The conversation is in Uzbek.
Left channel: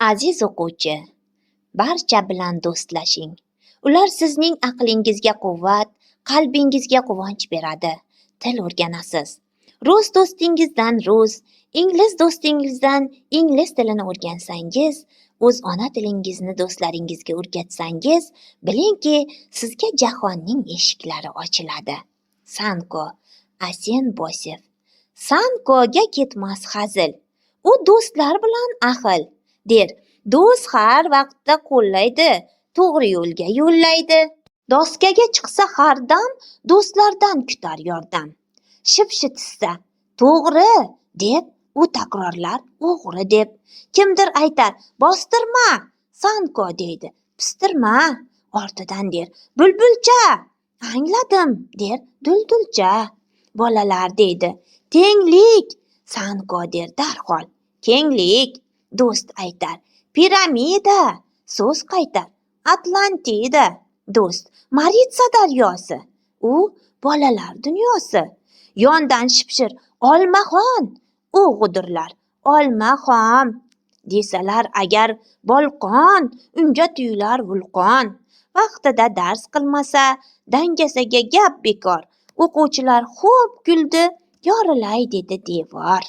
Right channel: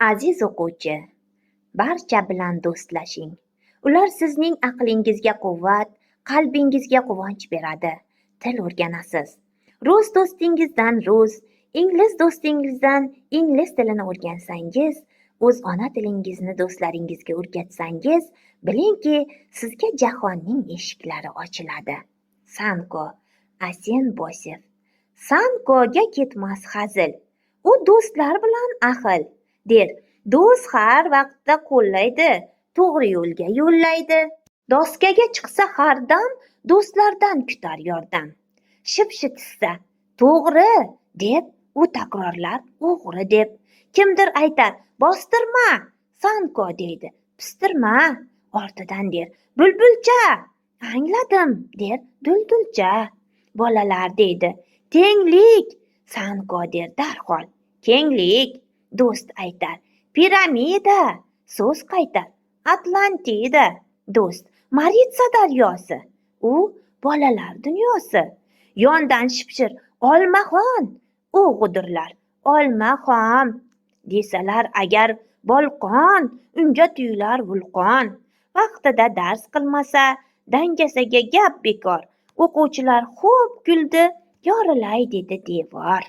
Aziz o'quvchi, barcha bilan do'stlashing. Ular sizning aqlingizga quvvat, qalbingizga quvonch beradi. Til o'rganasiz. Rus do'stingizdan rus, ingliz do'stingizdan ingliz tilini o'rgansangiz, o'z ona tilingizni do'stlaringizga o'rgatsangiz, bilingki, sizga jahonning eshiklari ochiladi. Sanko, Asen Bosev. Sankoga ketmas hazil. U do'stlar bilan ahil, der. Do'st har vaqtda qo'llaydi, to'g'ri yo'lga yo'llaydi. Doskaga chiqsa har dam, do'stlardan kutar yordam. Shipshitsa, to'g'ri deb, u takrorlar o'g'ri deb. Kimdir aytar, bostirma, Sanko deydi, pistirma, ortidan der, bulbulcha, angladim, der, duldulcha. Bolalar deydi, tenglik, Sanko der darhol, kenglik. Do'st aytar, piramida, so'z qaytar, Atlantida. Do'st, Maritsa daryosi, u bolalar dunyosi. Yondan shipshir, olmaxon, u g'udirlar, olmaxon. Desalar agar bolqon, unga tuyular vulqon. Vaqtida dars qilmasa, dangasaga gap bekor. O'quvchilar xo'p kuldi, yorilay dedi devor.